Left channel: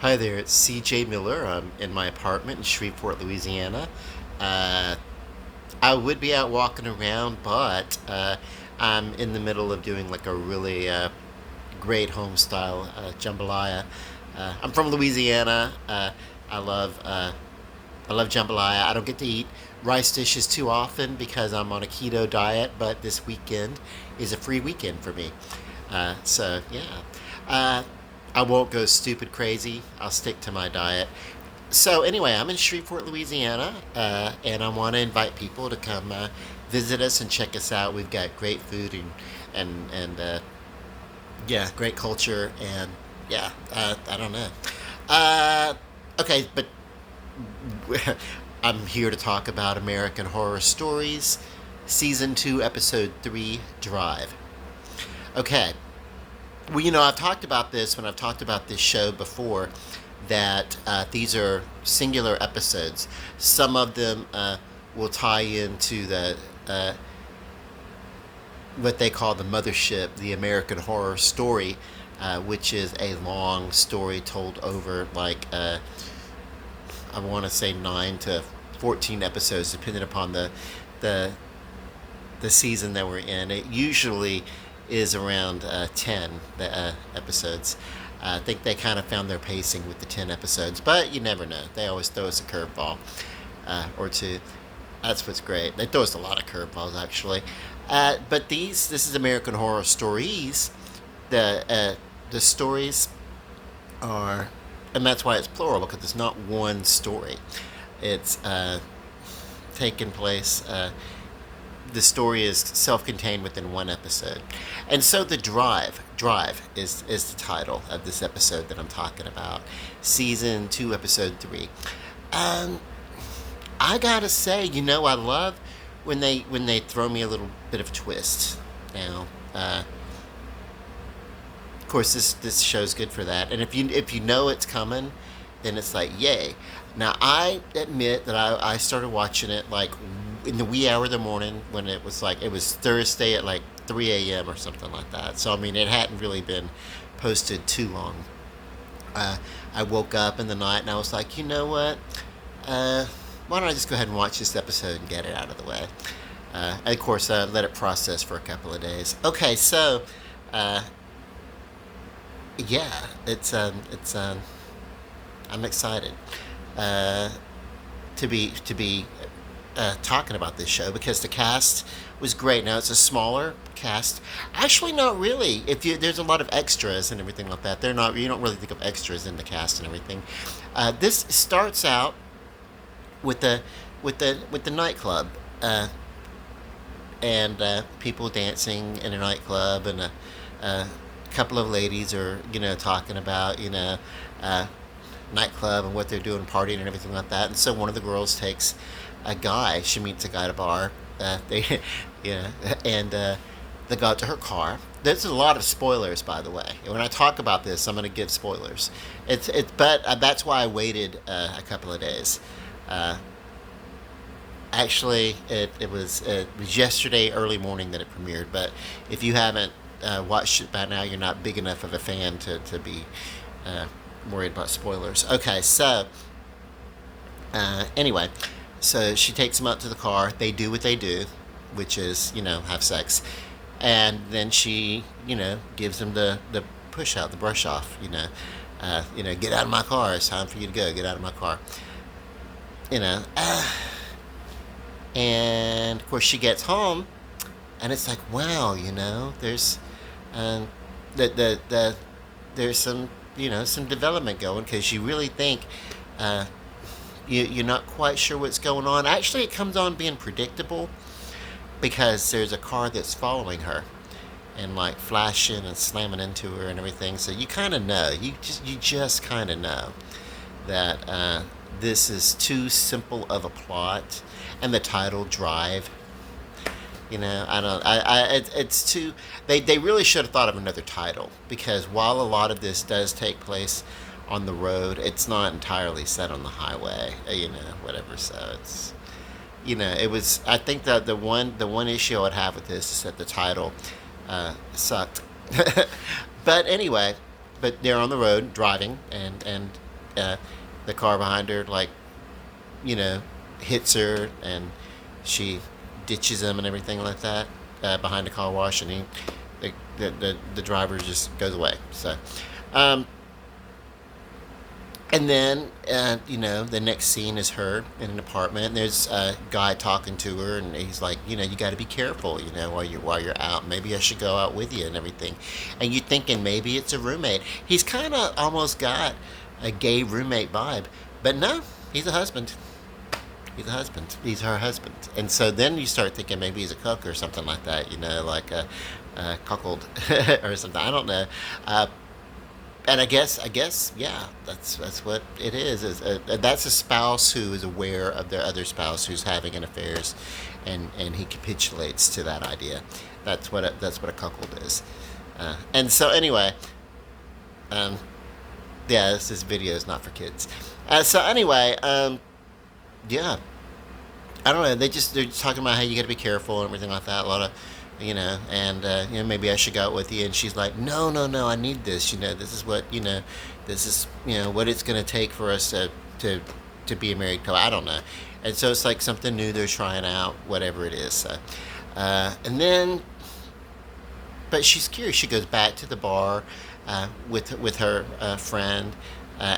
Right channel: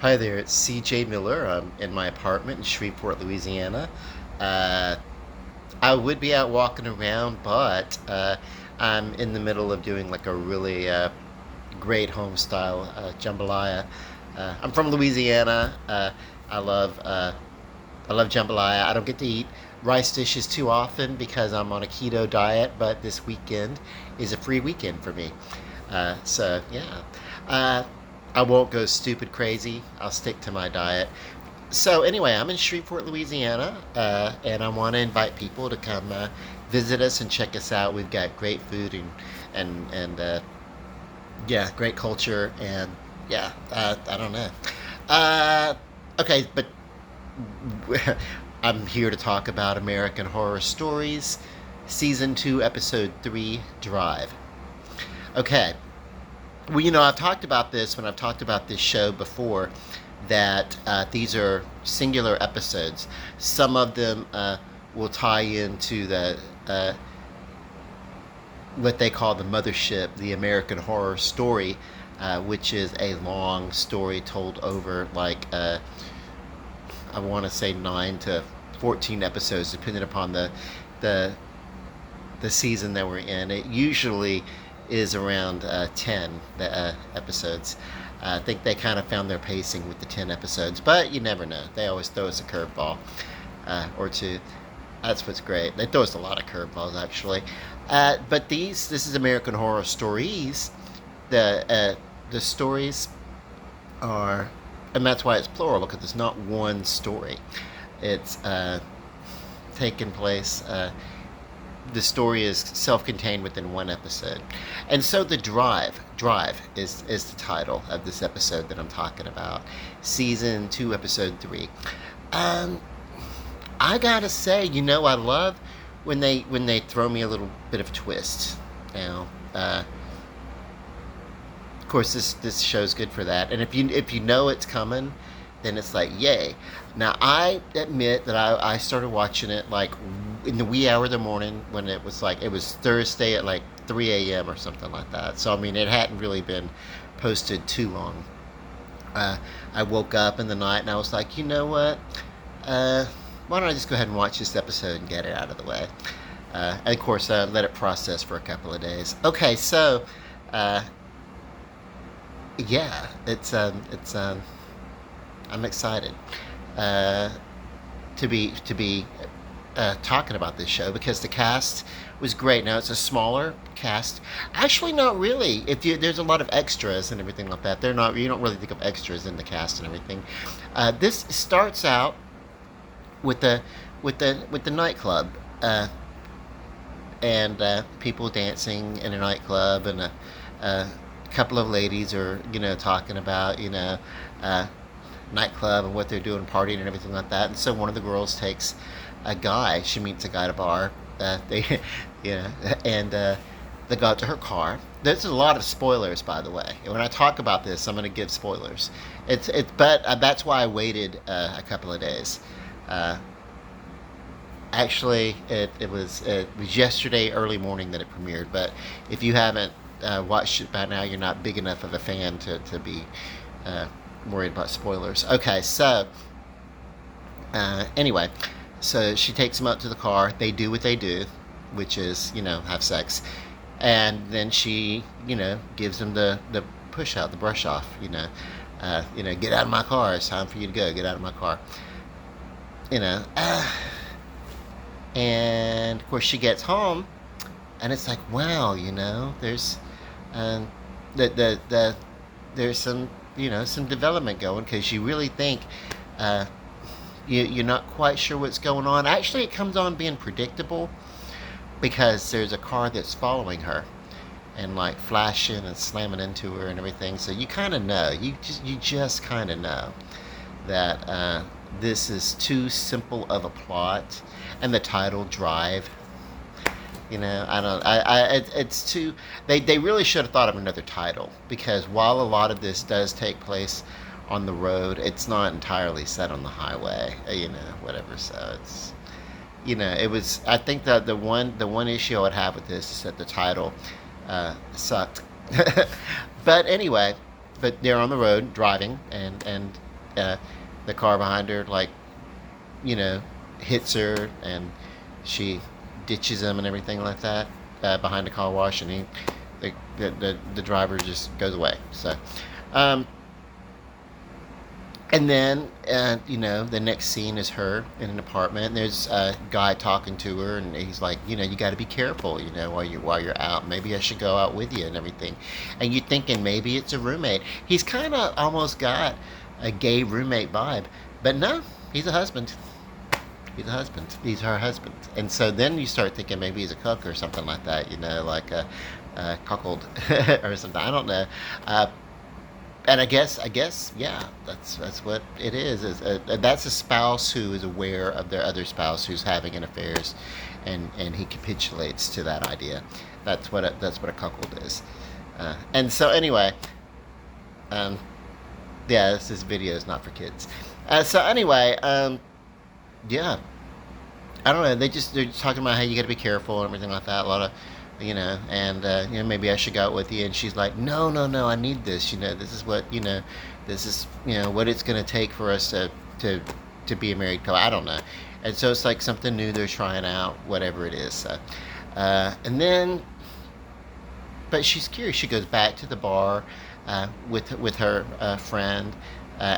Hi there, it's CJ Miller. I'm in my apartment in Shreveport, Louisiana. Uh, I would be out walking around, but I'm in the middle of doing like a really great home style jambalaya. I'm from Louisiana. I love uh, I love jambalaya. I don't get to eat rice dishes too often because I'm on a keto diet, but this weekend is a free weekend for me. So yeah, uh, I won't go stupid crazy. I'll stick to my diet. So anyway, I'm in Shreveport, Louisiana, and I want to invite people to come visit us and check us out. We've got great food and yeah, great culture and yeah, I don't know. Uh, okay, but I'm here to talk about American Horror Stories, Season 2, Episode 3, Drive. Okay, well, I've talked about this when I've talked about this show before, that these are singular episodes. Some of them will tie into uh, what they call the mothership, the American Horror Story, which is a long story told over I want to say 9 to 14 episodes, depending upon the the season that we're in. It usually is around 10 episodes. I think they kind of found their pacing with the 10 episodes, but you never know. They always throw us a curveball or two. That's what's great. They throw us a lot of curveballs, actually. But this is American Horror Stories. The stories are, and that's why it's plural, because it's not one story. It's taking place. The story is self-contained within one episode, and so the drive is the title of this episode that I'm talking about, season 2, episode 3. Um, I gotta say, I love when they throw me a little bit of a twist. Now, of course, this show's good for that. And if you know it's coming, then it's like yay. Now I admit that I started watching it like in the wee hour of the morning when it was Thursday at like 3 a.m. or something like that. So I mean it hadn't really been posted too long. Uh, I woke up in the night and I was like, you know what? Uh, why don't I just go ahead and watch this episode and get it out of the way? And of course, let it process for a couple of days. Okay, so uh, yeah, it's I'm excited uh, to be talking about this show because the cast was great. Now it's a smaller cast. Actually, not really. If you there's a lot of extras and everything like that. They're not. You don't really think of extras in the cast and everything. This starts out with the nightclub. And people dancing in a nightclub, and a couple of ladies are talking about uh, nightclub and what they're doing, partying and everything like that. And so one of the girls takes a guy. She meets a guy at a bar. They, yeah, and they go out to her car. There's a lot of spoilers, by the way. When I talk about this, I'm going to give spoilers. But that's why I waited a couple of days. Uh, Actually, it was yesterday early morning that it premiered. But if you haven't watched it by now, you're not big enough of a fan to be uh, worried about spoilers. Okay, so anyway, so she takes him out to the car. They do what they do, which is have sex, and then she gives him the push out, the brush off. Get out of my car. It's time for you to go. Get out of my car. You know. And of course, she gets home, and it's like, wow, there's um, the there's some development going because you really think uh, you're not quite sure what's going on. Actually, it comes on being predictable because there's a car that's following her and like flashing and slamming into her and everything. So you kind of know, you just kind of know that this is too simple of a plot, and the title Drive. I don't. It's too. They really should have thought of another title because while a lot of this does take place on the road, it's not entirely set on the highway. Whatever. So it's. It was. I think that the one issue I would have with this is that the title sucked. But anyway, but they're on the road driving, and uh, the car behind her, like, hits her, and she ditches him and everything like that behind the car wash, and the driver just goes away. So, um, and then, the next scene is her in an apartment. And there's a guy talking to her, and he's like, you got to be careful, while you're out. Maybe I should go out with you and everything. And you're thinking maybe it's a roommate. He's kind of almost got a gay roommate vibe, but no, he's a husband. He's a husband. He's her husband. And so then you start thinking maybe he's a cook or something like that, like a cuckold or something. I don't know. And I guess, yeah, that's what it is. That's a spouse who is aware of their other spouse who's having an affairs, and he capitulates to that idea. That's what a cuckold is. And so anyway, um, yeah, this video is not for kids. So anyway, yeah, I don't know. They're just talking about how you got to be careful and everything like that. A lot of, and maybe I should go out with you. And she's like, no, no, no, I need this. This is what this is what it's gonna take for us to be a married couple. I don't know. And so it's like something new they're trying out, whatever it is. And then, but she's curious. She goes back to the bar with her friend.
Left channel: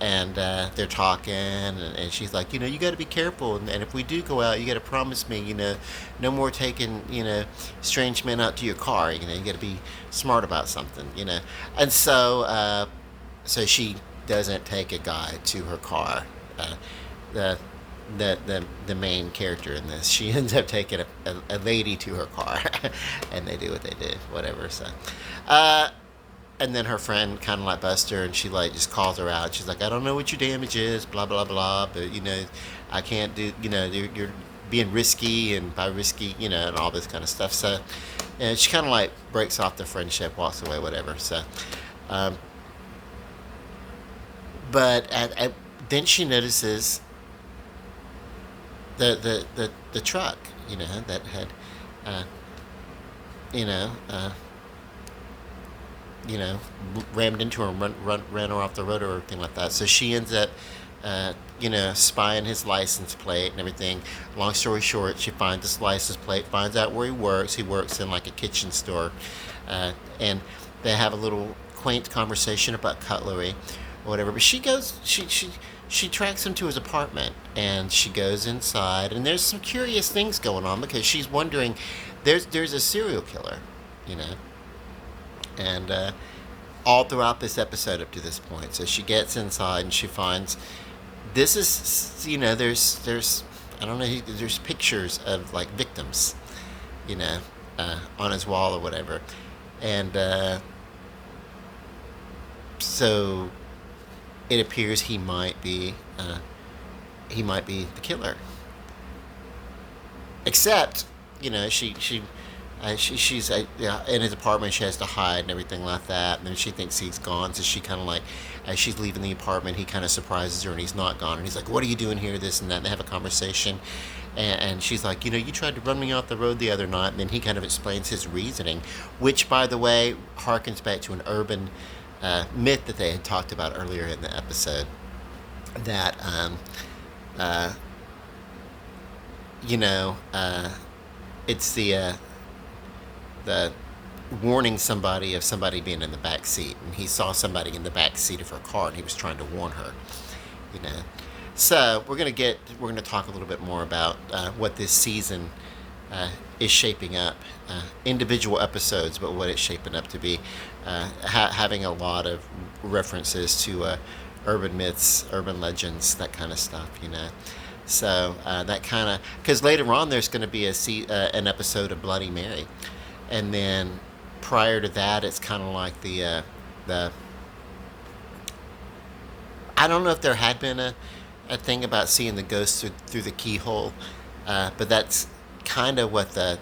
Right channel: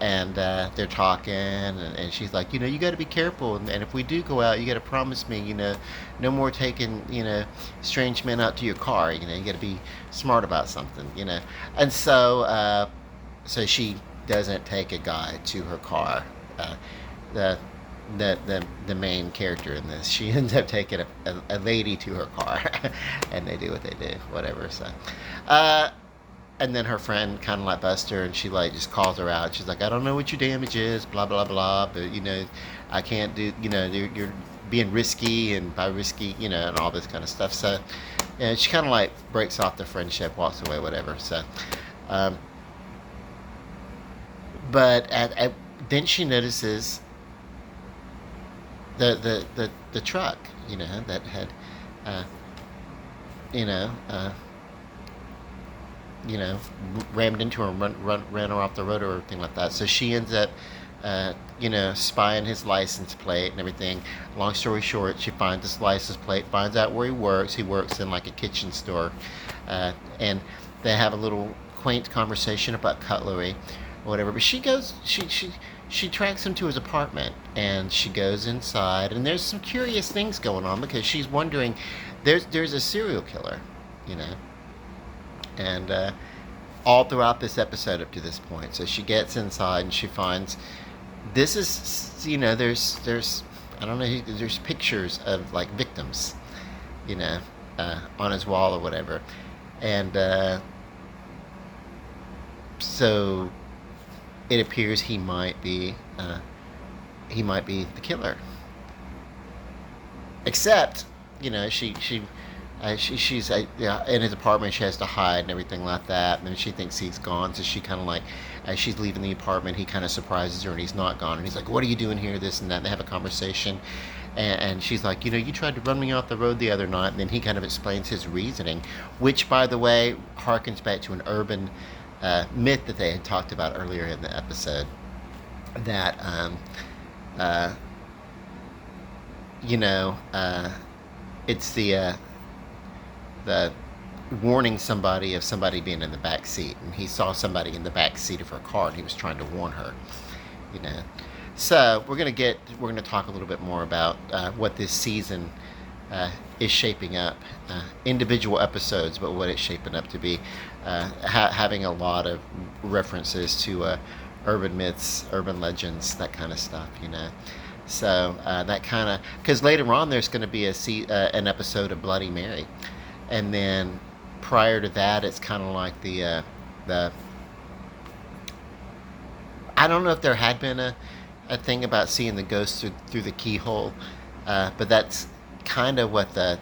And they're talking, and she's like, you got to be careful, and if we do go out, you got to promise me, no more taking, strange men out to your car. You got to be smart about something, And so she doesn't take a guy to her car. The the main character in this, she ends up taking a lady to her car, and they do what they do, whatever. So. And then her friend kind of like busts her, and she like just calls her out. She's like, I don't know what your damage is, blah blah blah, but I can't do, you're being risky, and by risky, and all this kind of stuff. So, and she kind of like breaks off the friendship, walks away, whatever. So, but then she notices the truck, that had, you know. Rammed into her and ran her off the road or everything like that. So she ends up, spying his license plate and everything. Long story short, she finds this license plate, finds out where he works. He works in like a kitchen store, and they have a little quaint conversation about cutlery or whatever. But she tracks him to his apartment, and she goes inside, and there's some curious things going on because she's wondering, there's a serial killer, and all throughout this episode up to this point. So she gets inside and she finds this is, there's I don't know, there's pictures of like victims, on his wall or whatever, and so it appears he might be the killer. Except, she's in his apartment. She has to hide and everything like that. And then she thinks he's gone, so she kind of like, as she's leaving the apartment, he kind of surprises her, and he's not gone. And he's like, "What are you doing here?" This and that. And they have a conversation, and she's like, "You tried to run me off the road the other night." And then he kind of explains his reasoning, which, by the way, harkens back to an urban myth that they had talked about earlier in the episode. That it's the warning somebody of somebody being in the back seat, and he saw somebody in the back seat of her car, and he was trying to warn her. So we're gonna talk a little bit more about what this season is shaping up, individual episodes, but what it's shaping up to be, having a lot of references to urban myths, urban legends, that kind of stuff. So that kind of, because later on there's going to be an episode of Bloody Mary. And then prior to that, it's kind of like the I don't know if there had been a thing about seeing the ghost through the keyhole, but that's kind of what the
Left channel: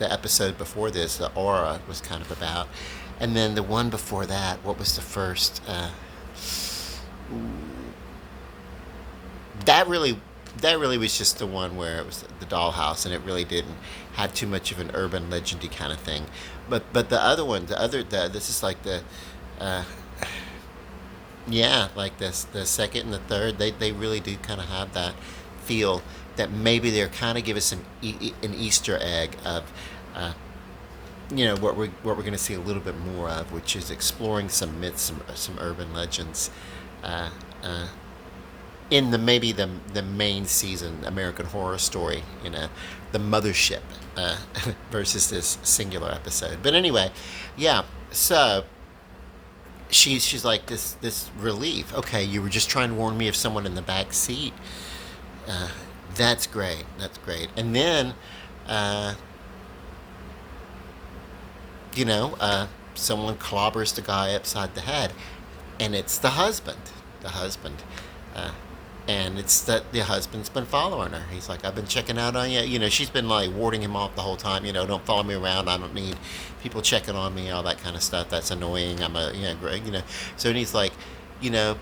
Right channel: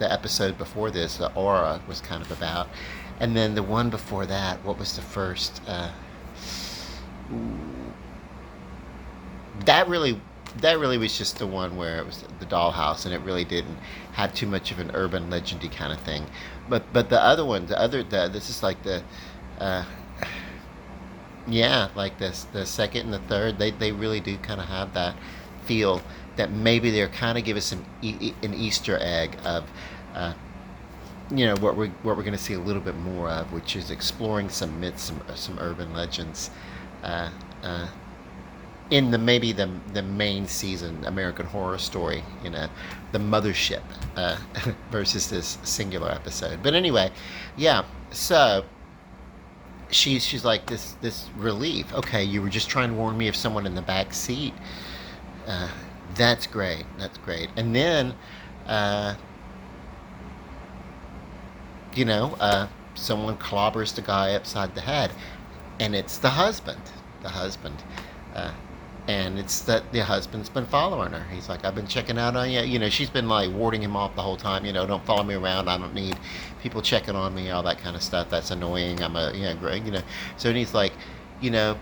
episode before this, the Aura, was kind of about. And then the one before that, what was the first? That really was just the one where it was the dollhouse, and it really didn't have too much of an urban legendy kind of thing. But the other one, this is like the Yeah, like this, the second and the third, they really do kind of have that feel that maybe they're kind of give us an Easter egg of, uh, what we're going to see a little bit more of, which is exploring some myths, some urban legends, uh, uh, in the maybe the main season American Horror Story, the mothership, versus this singular episode. But anyway, yeah. So she's like this relief. Okay, you were just trying to warn me of someone in the back seat. Uh, that's great. That's great. And then, uh, you know, uh, someone clobbers the guy upside the head, and it's the husband. The husband. Uh, and it's that the husband's been following her. He's like, I've been checking out on you. She's been like warding him off the whole time. Don't follow me around. I don't need people checking on me, all that kind of stuff. That's annoying. I'm a, Greg, So he's like, you know,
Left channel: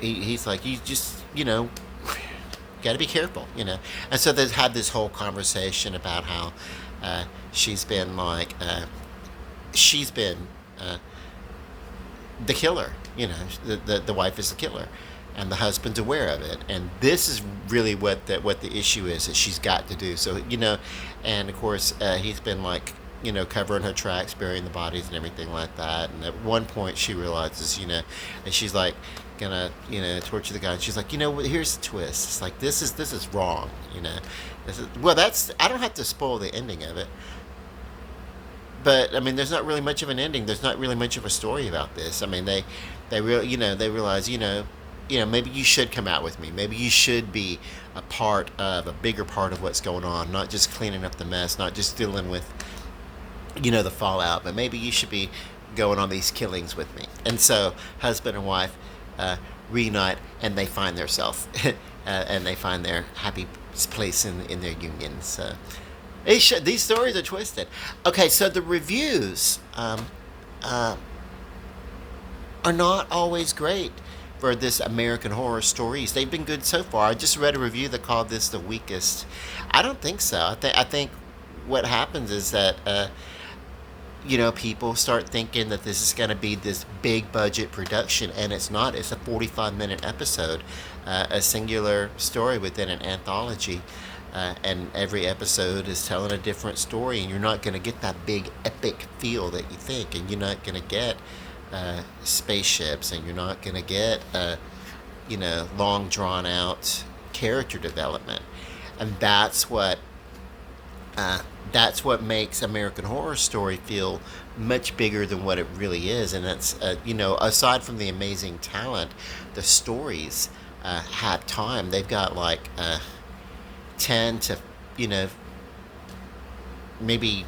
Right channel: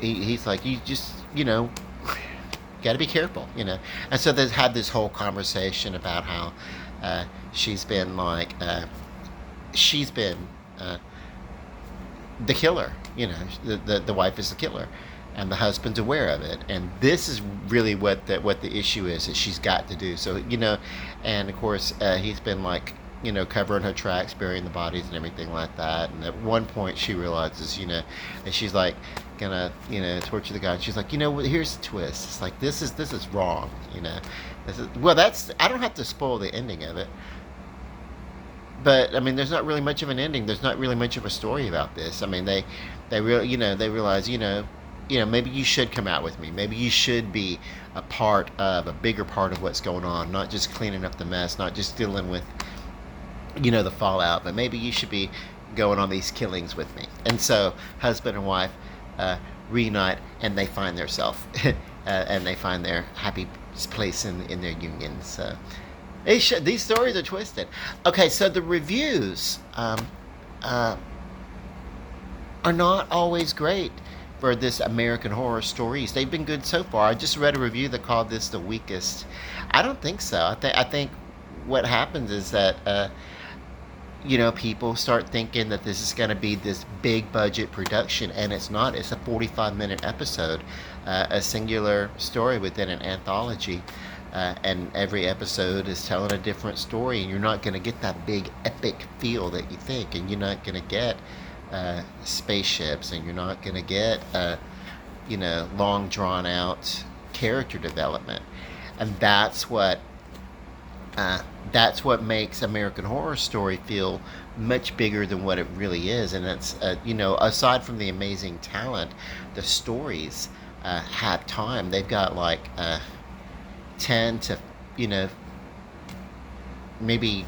he's like, you just, got to be careful, And so they've had this whole conversation about how she's been like, she's been the killer. The wife is the killer, and the husband's aware of it. And this is really what the issue is that she's got to do. So and of course he's been like covering her tracks, burying the bodies and everything like that. And at one point she realizes that she's like gonna torture the guy. And she's like, here's the twist. It's like this is wrong. That's I don't have to spoil the ending of it. But I mean, there's not really much of an ending. There's not really much of a story about this. I mean, they realize, maybe you should come out with me. Maybe you should be a bigger part of what's going on, not just cleaning up the mess, not just dealing with, the fallout, but maybe you should be going on these killings with me. And so, husband and wife reunite, and they find themselves, and they find their happy place in their union. So. These stories are twisted. Okay, so the reviews are not always great for this American Horror Stories. They've been good so far. I just read a review that called this the weakest. I don't think so. I think what happens is that people start thinking that this is going to be this big budget production, and it's not. It's a 45-minute episode, a singular story within an anthology. And every episode is telling a different story, and you're not going to get that big epic feel that you think, and you're not going to get spaceships, and you're not going to get long drawn out character development, and that's what makes American Horror Story feel much bigger than what it really is. And that's aside from the amazing talent, the stories have time. They've got like 10 to maybe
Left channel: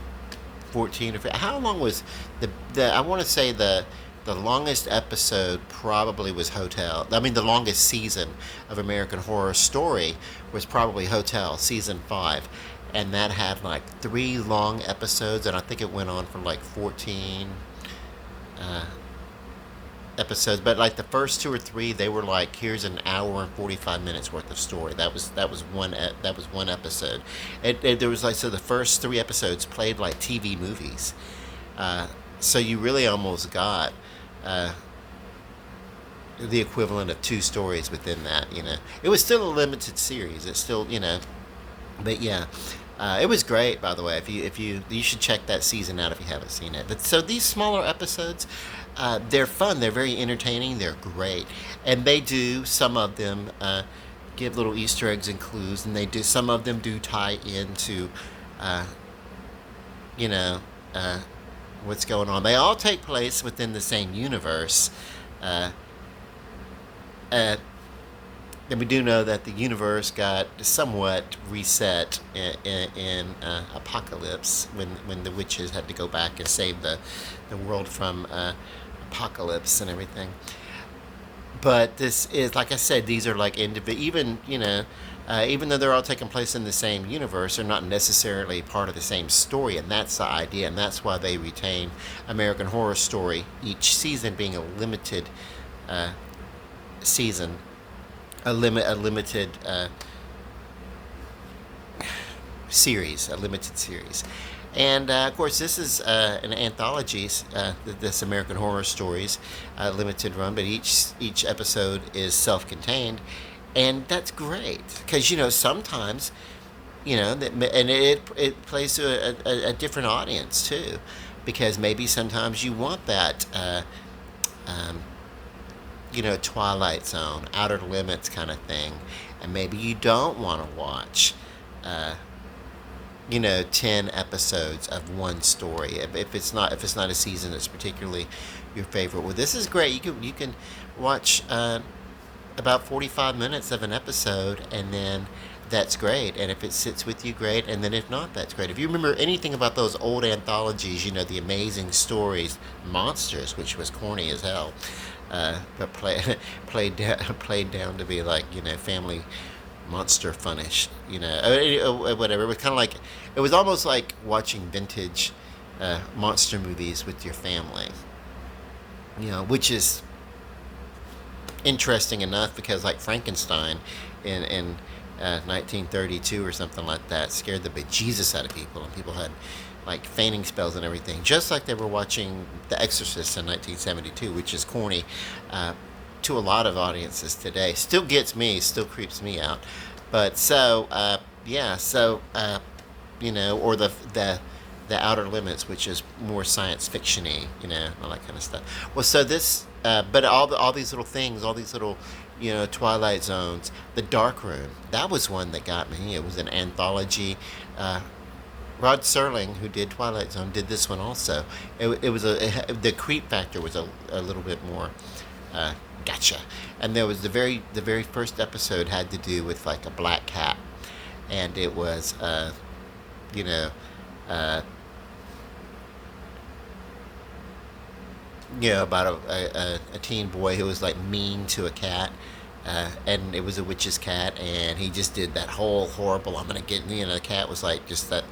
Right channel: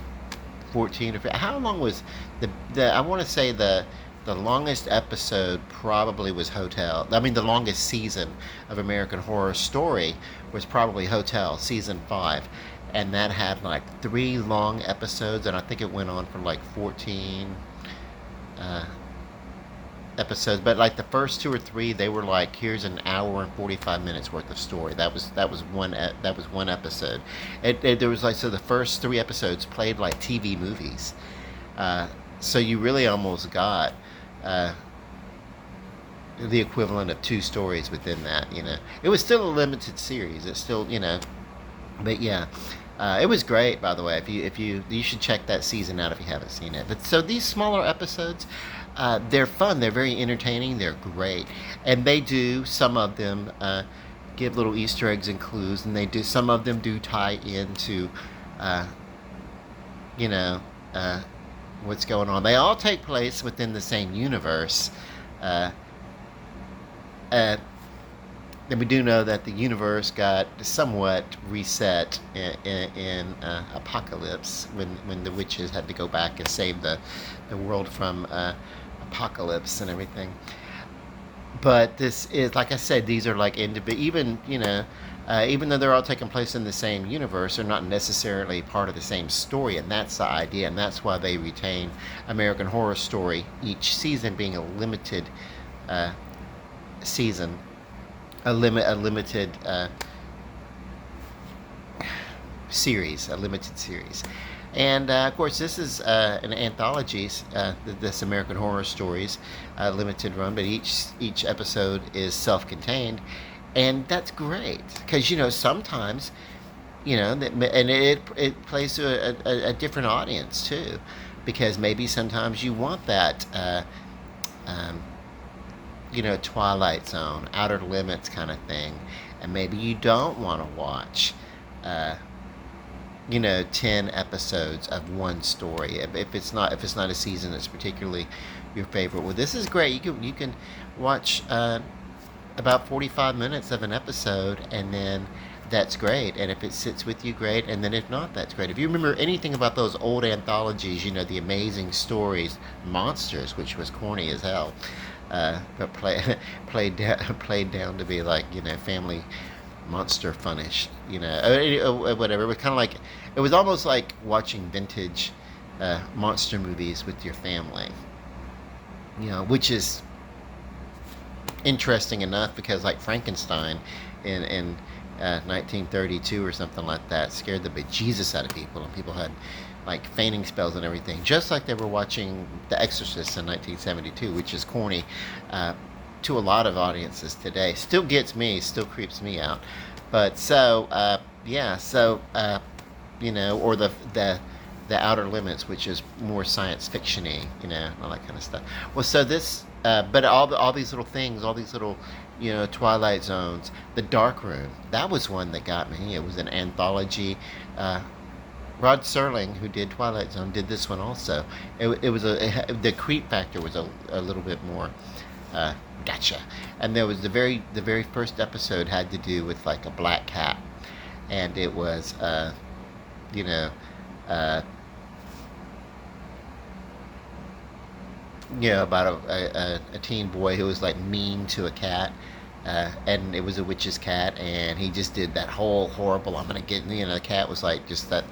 14 or 15. How long was the I want to say the longest episode probably was Hotel. I mean, the longest season of American Horror Story was probably Hotel season 5, and that had like 3 long episodes, and I think it went on for like 14 episodes. But like the first 2 or 3, they were like, here's an hour and 45 minutes worth of story. That was one episode. There was like, so the first 3 episodes played like TV movies. So you really almost got the equivalent of 2 stories within that. It was still a limited series. It's still but yeah. It was great, by the way. If you should check that season out if you haven't seen it. But so these smaller episodes, they're fun. They're very entertaining. They're great, and they do, some of them give little Easter eggs and clues, and some of them do tie into uh, you know what's going on. They all take place within the same universe, uh, uh, and we do know that the universe got somewhat reset in Apocalypse, when the witches had to go back and save the world from apocalypse and everything. But this is, like I said, these are like even though they're all taking place in the same universe, they're not necessarily part of the same story, and that's the idea, and that's why they retain American Horror Story, each season being a limited season, a limited series, a limited series. And of course, this is an anthology, this American Horror Stories limited run, but each episode is self-contained, and that's great because sometimes and it plays to a different audience too, because maybe sometimes you want that um, Twilight Zone, Outer Limits kind of thing, and maybe you don't want to watch. Uh, 10 episodes of one story if it's not a season that's particularly your favorite. Well, this is great. You can watch about 45 minutes of an episode, and then that's great. And if it sits with you, great. And then if not, that's great. If you remember anything about those old anthologies, the Amazing Stories, Monsters, which was corny as hell, but played down to be like family monster funnish, whatever. It was kind of like, it was almost like watching vintage monster movies with your family, which is interesting enough because like Frankenstein in 1932 or something like that scared the bejesus out of people, and people had like fainting spells and everything, just like they were watching The Exorcist in 1972, which is corny to a lot of audiences today. Still gets me, still creeps me out. But so yeah, so or the Outer Limits, which is more science fictiony, all that kind of stuff. Well, so this, but all these little things, all these little, Twilight Zones, The Dark Room, that was one that got me. It was an anthology. Rod Serling, who did Twilight Zone, did this one also. It was the creep factor was a little bit more gotcha. And there was the very first episode had to do with like a black cat, and it was you know uh, about a teen boy who was like mean to a cat, and it was a witch's cat, and he just did that whole horrible, I'm gonna get, the cat was like just that,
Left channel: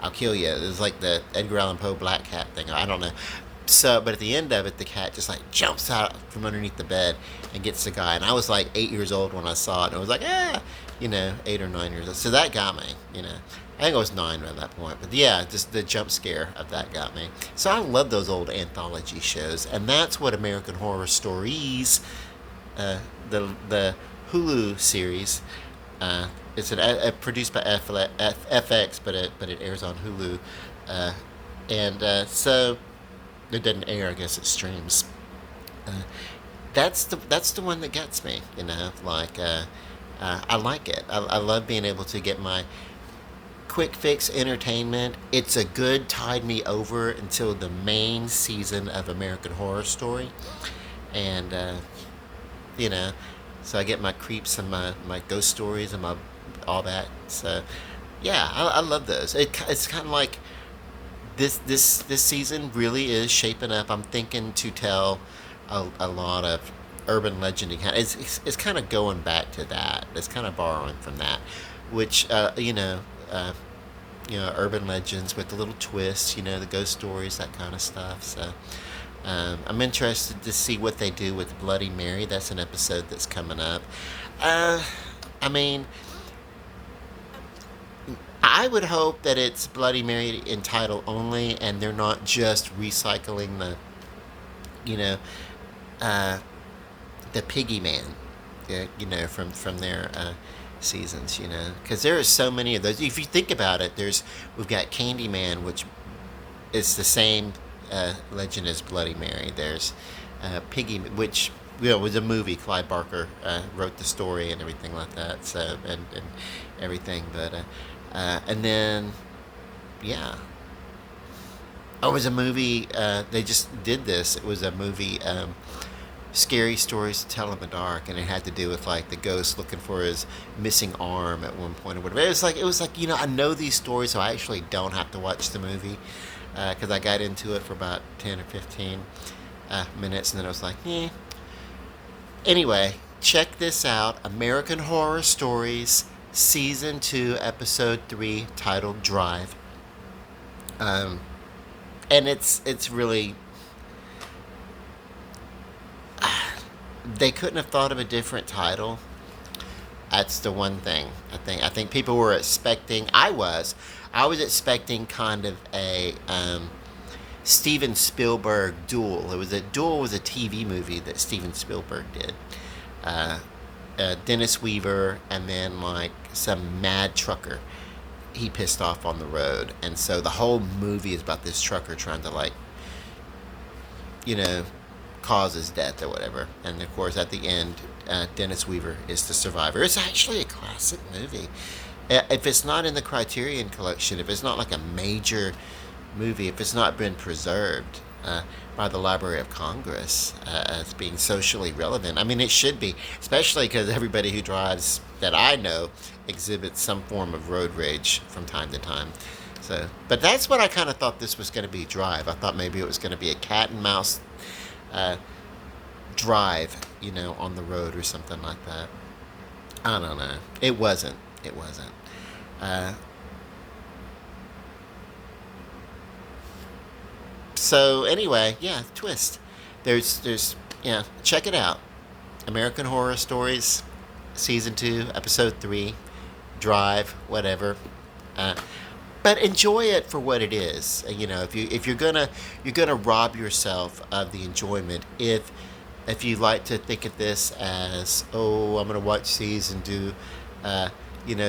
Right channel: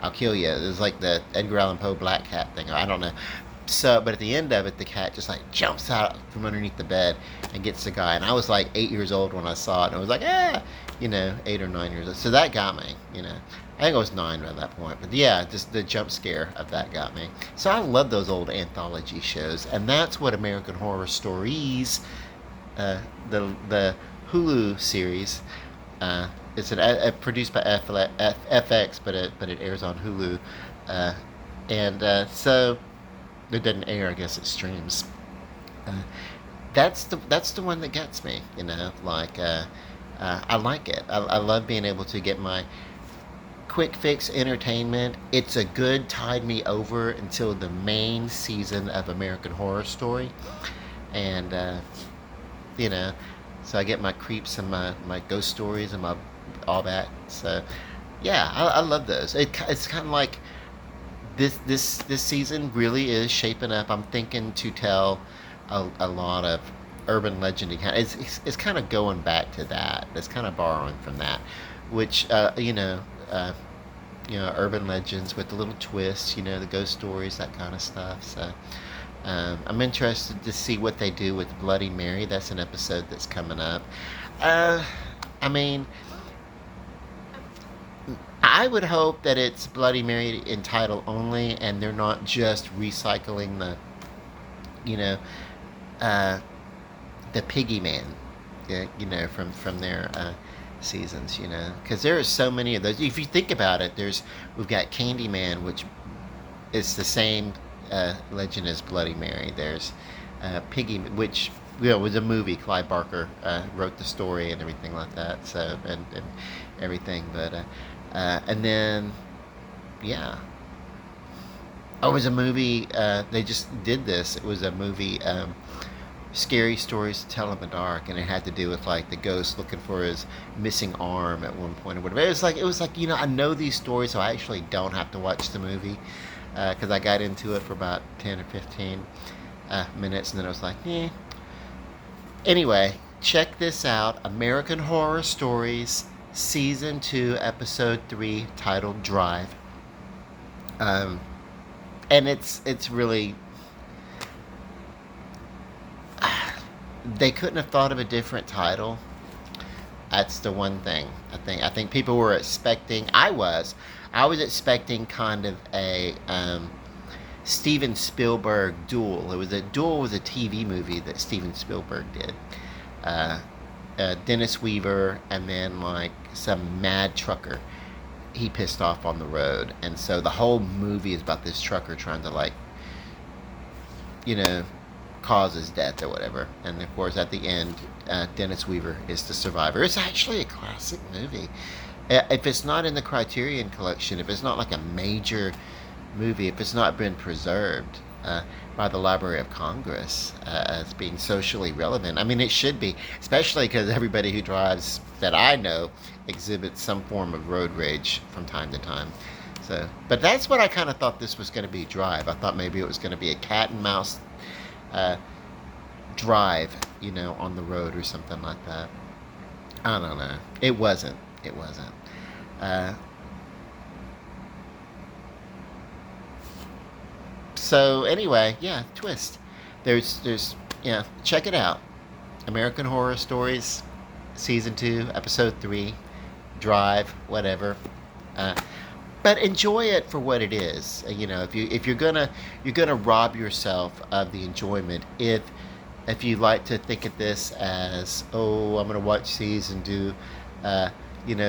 I'll kill you. It was like the Edgar Allan Poe black cat thing. I don't know. So, but at the end of it, the cat just like jumps out from underneath the bed and gets the guy. And I was like 8 years old when I saw it, and I was like, 8 or 9 years old. So that got me. I think I was 9 at that point. But yeah, just the jump scare of that got me. So I love those old anthology shows, and that's what American Horror Stories, the Hulu series. It's produced by FX, but it airs on Hulu, and so it doesn't air. I guess it streams. Uh, that's the one that gets me. Like I like it. I love being able to get my quick fix entertainment. It's a good tide me over until the main season of American Horror Story, and you know, so I get my creeps and my ghost stories and my all that. So yeah, I love those. It's kind of like this season really is shaping up. I'm thinking to tell a lot of urban legend. It's kind of going back to that. It's kind of borrowing from that, which urban legends with the little twists. The ghost stories, that kind of stuff. So. I'm interested to see what they do with Bloody Mary. That's an episode that's coming up. I mean, I would hope that it's Bloody Mary in title only, and they're not just recycling you know, uh, the Piggy Man, from their seasons, because there are so many of those. If you think about it, we've got Candyman, which is the same legend as Bloody Mary. There's Piggy, which was a movie. Clive Barker wrote the story and everything like that. So and everything, but and then yeah, oh, it was a movie. They just did this. It was a movie. Scary Stories to Tell in the Dark, and it had to do with like the ghost looking for his missing arm at one point or whatever. It was like I know these stories, so I actually don't have to watch the movie, because I got into it for about 10 or 15 minutes, and then I was like, eh. Anyway, check this out: American Horror Stories, Season 2, Episode 3, titled Drive. And it's really, they couldn't have thought of a different title. That's the one thing. I think people were expecting. I was expecting kind of a Steven Spielberg Duel. Duel was a TV movie that Steven Spielberg did. Uh, Dennis Weaver and then like some mad trucker he pissed off on the road, and so the whole movie is about this trucker trying to like you know cause his death or whatever. And of course, at the end, Dennis Weaver is the survivor. It's actually a classic movie. If it's not in the Criterion Collection, if it's not like a major movie, if it's not been preserved by the Library of Congress as being socially relevant, I mean, it should be, especially because everybody who drives that I know exhibits some form of road rage from time to time. So, but that's what I kind of thought this was going to be. Drive. I thought maybe it was going to be a cat and mouse uh, drive, on the road or something like that. I don't know. It wasn't. It wasn't. Uh, so anyway, yeah, twist. Yeah, check it out. American Horror Stories, season 2, episode 3, Drive, whatever. Uh, but enjoy it for what it is. If you're gonna rob yourself of the enjoyment if you like to think of this as, oh, I'm gonna watch these and do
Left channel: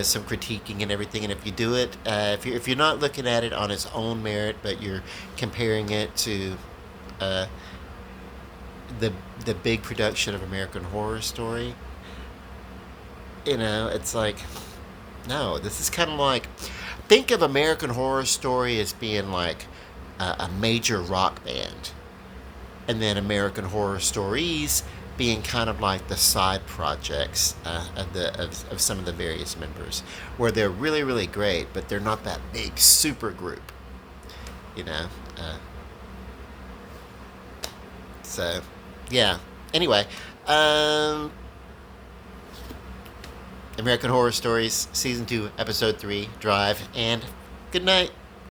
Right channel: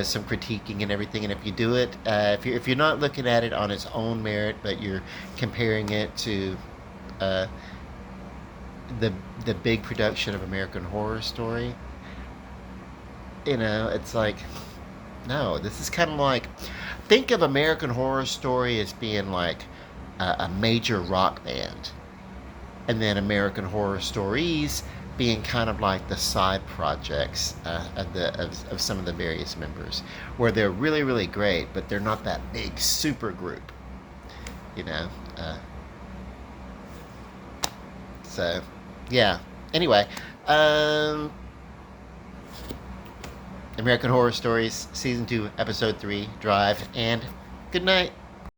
some critiquing and everything. And if you do it, if you're not looking at it on its own merit, but you're comparing it to uh, the the big production of American Horror Story, it's like, no, this is kind of like, think of American Horror Story as being like a major rock band, and then American Horror Stories being kind of like the side projects of some of the various members, where they're really, really great, but they're not that big super group, you know. So, yeah. Anyway, American Horror Stories, Season 2, Episode 3, Drive, and good night.